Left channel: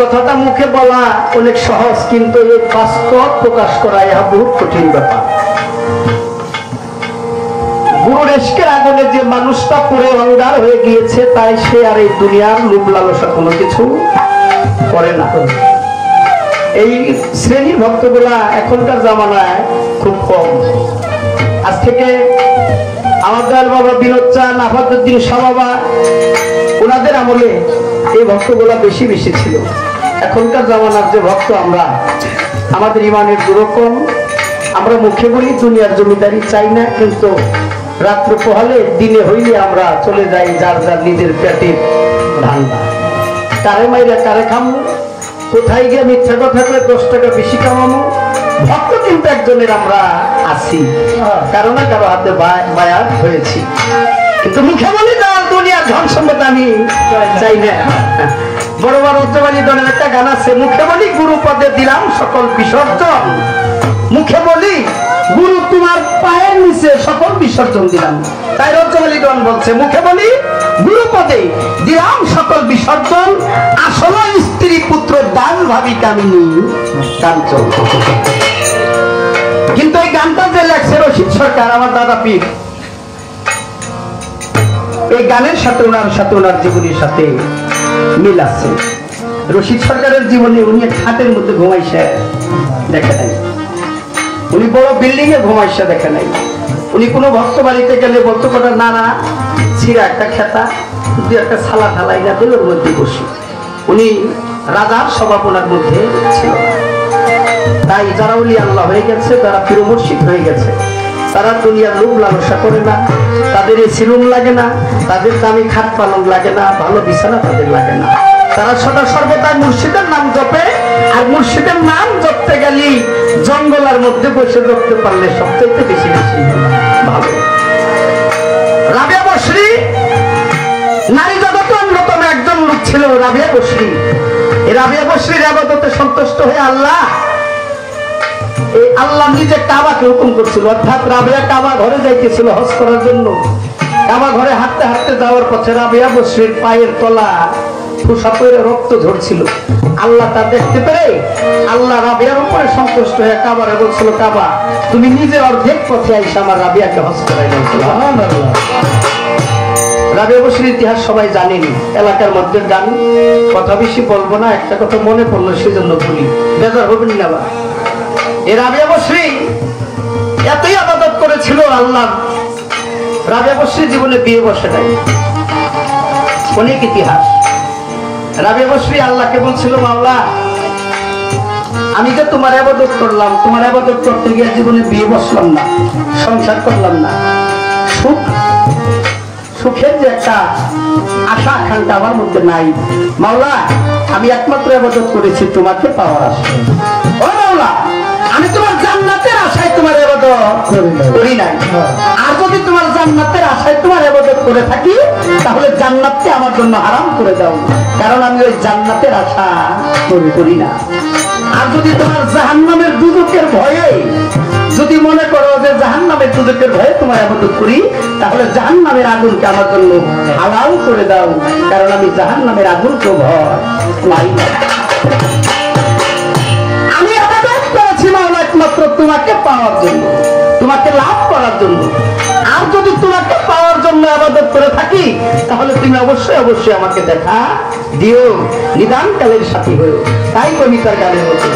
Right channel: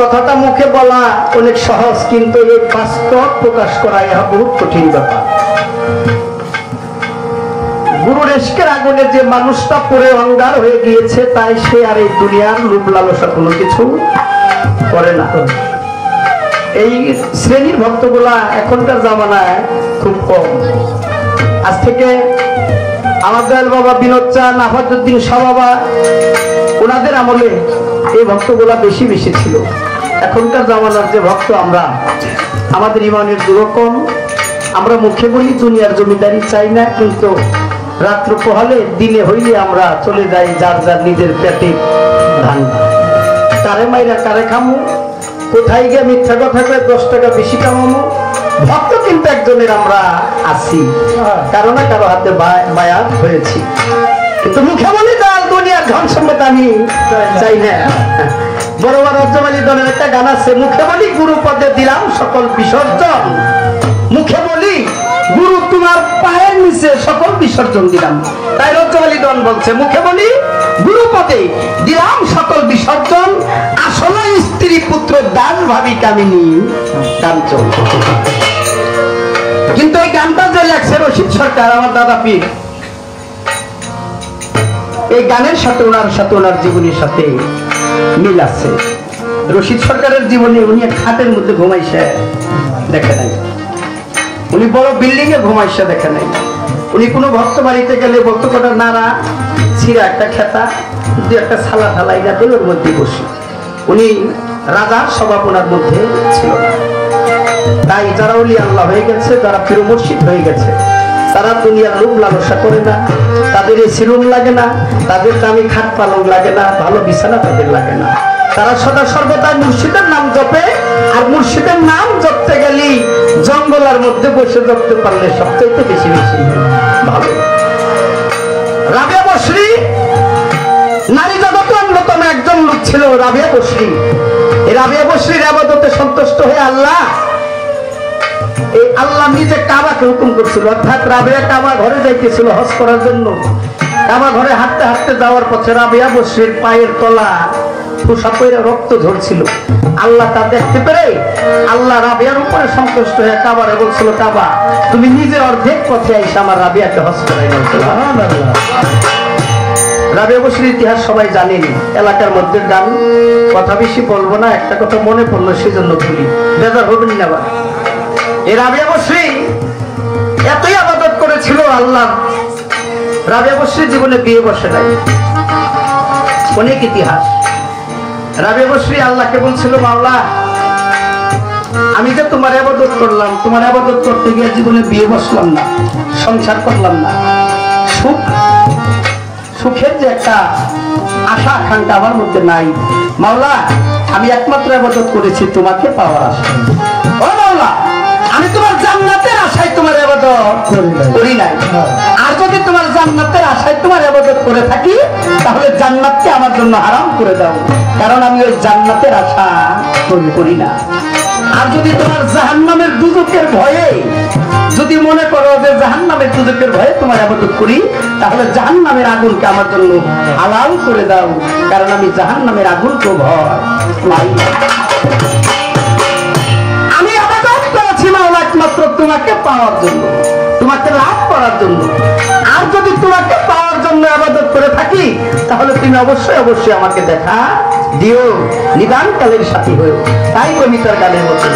কথাটা মুখে বলা অনেক সহজ, কিন্তু এই বাস্তব প্রকাশ করা ইহা বহুত কঠিন ব্যাপার। গুরুর ইশকের আগুনে যে মানুষটা পুরে অঙ্গার হয়ে গিয়েছে, তাই সে আর এই দুনিয়ার লোভ লালসা কোনো কিছু করে না। এই শ্রেণীর ভক্তগুলা এখনকার জামানায় খুব কম। আজ থেকে আমার দয়াল বাবা বিনোদ চাঁদ, আফাদুদ্দিন শাহ বাবা, ওনাদের আমলে এই ভক্তগুলা বেশি বেশি ছিল। এখনকার জামানার যে ভক্ত আমরা, আমাদের ইমানের দুরকম। আমরা মুখে বলি দুনিয়ার জমিদারি চাই না, কিন্তু রাত্র পোহালে দিনে হইলে আমরা চলে যাই যার যার নিজের পেটের ধান্দা। কারে মাইরা কারে খামু, কোথায় গিয়ে মিথ্যা কথা কয়ে 10 টাকা বেশি কামামো। ভক্ত কিন্তু একজনের আমরা আছি, কারো না কারো হাতে বায়াত হয়েছি, কিন্তু মুখে বলি যার দুনিয়ার ধন সম্পদ আমি চাই না। বড় বড় অজ্জবালি দলের একটা গান আছে, মুখে বলি গুরু পদে দিলাম সকল বিসর্জন। মুখে বলি গুরু তোমার পায়ের নিচে সকল বিসর্জন দিলাম। তাই অজ্জবালি দল বলছে, মুখে বলি গুরু পদে দিলাম সকল বিসর্জন, আসলে স্ত্রী পুত্র দান ভাবি কামিনী কাঞ্চন। কিন্তু এই গানটা যে লেখছে রশিদ সরকার, আমার দাদা পীর, এই গানের সাথে ওনার জীবনের সাথে মিল আছে। রশিদ সরকারের জীবনে উনি এক খাটের মধ্যে ঘুমাইছে দেখা নাই, উনি বড় বিল্ডিং এ ঘুমাইছে দেখা নাই। উনি কোনো ভক্ত বাড়িতে গেলে বলতো কটা নাড়া ছিঁড়া একটা খেতা দু একটা ছালা ঢালাই না দিল, ওর মধ্যে বসে। উনি রাজার স্বভাব ওনার মধ্যে ছিল না। তাই যারা ওলি আল্লাহ হয়ে গেছে, যারা পীর মুর্শিদ হয়ে গেছে, তারা দুনিয়ার লোভ লালসা করে না, তাদের এই সিরুম লাগে না, তাদের দামি খাট পালং লাগে না, ভালো বিছানা তাদের লাগে না। তারা সদা সর্বদা মুর্শিদের নাম জপে, আর মুর্শিদের নাম জপতে গেলি জঙ্গলের মধ্যে বসে জপতে পারলে সবচেয়ে বেশি বেশি ভালো। রাবিয়া বসরি নারী জগতে অন্যতম একজন লোক ছিল রাবিয়া বসরি। এই রাবিয়া বসরির ইবাদতে সন্তুষ্ট হয়ে আল্লাহ এই আল্লাহ নিজে কাবাকে হুকুম করছিল, অর্থাৎ রাবেয়া কাবা ঘরে যাইতেছিল হজ করার জন্য। কাবা ঘরে হাঁটতে হাঁটতে যাওয়ার পথে রাবেয়া বসরির পায়ের তলা ঠোসা পড়ে রক্ত ঝরছিল। আল্লাহ তা দেখতে পেরে আল্লাহ রাবেয়ার উপরে সন্তুষ্ট হয়ে কাবারে বলছিল, কাবা তুমি নিজে অর্ধেক পথে আইসা আমার রাবেয়াকে হজ করাই বলছিল। রাবেয়া বসরির ইতিহাস সবাই জানেনি, এলাকার মধ্যে গান, কথা বেশি বলবো না, একটা কথা মনে পড়লো সেজন্য বলি, বেজার হবেন না। আবার এই রাবেয়া বসরি এতই আবাদত করেছিল আল্লাহ, রাবেয়া বসরি জীবনে বিয়ে বসে নাই। অনেক ইতিহাস। রাবেয়া বসরি আল্লাহকে বলছিল, মাওলা আমি যে তোমার ইবাদত করলাম, তোমার ইবাদত করতে গিয়ে জীবনে বিয়ে বসলাম না, সংসার করলাম না, সুখের যে একটা আশা আকাঙ্ক্ষা আমার মধ্যে নাই। মাওলা আমি একমাত্র ইবাদত করেছি তোমাকে পাওয়ার আশায়। ও মাওলা আমি তোমার জান্নাতের আশায় তোমার ইবাদত করি নাই। আর যদি তোমার জান্নাতের আশায় তোমার ইবাদত করে থাকি তাহলে জান্নাতকে আমার জন্য হারাম করে দাও, কারণ আমি ওই জান্নাতের আশা করি না। আর যদি তোমার জাহান্নামের দুজকের ভয়ে যদি মনে করো যে জাহান্নামের দুজকের ভয়ে তোমার ইবাদত করি, তাহলে জাহান্নামের আগুনকে আমার জন্য হালাল করে দাও, কারণ আমি জাহান্নামের আগুনকে ভয় পাই না। আমি ইবাদত করেছি মাওলা একমাত্র তোমাকে পাওয়ার জন্য, তোমাকে লাভ করার জন্য। আর যদি তোমাকে পাওয়ার জন্য ইবাদত করে থাকি তাহলে তুমি অবশ্যই অবশ্যই আমাকে দেখা দিও, নিদান কালের সাথী হয়েও। তাই কবিতার গানের মতো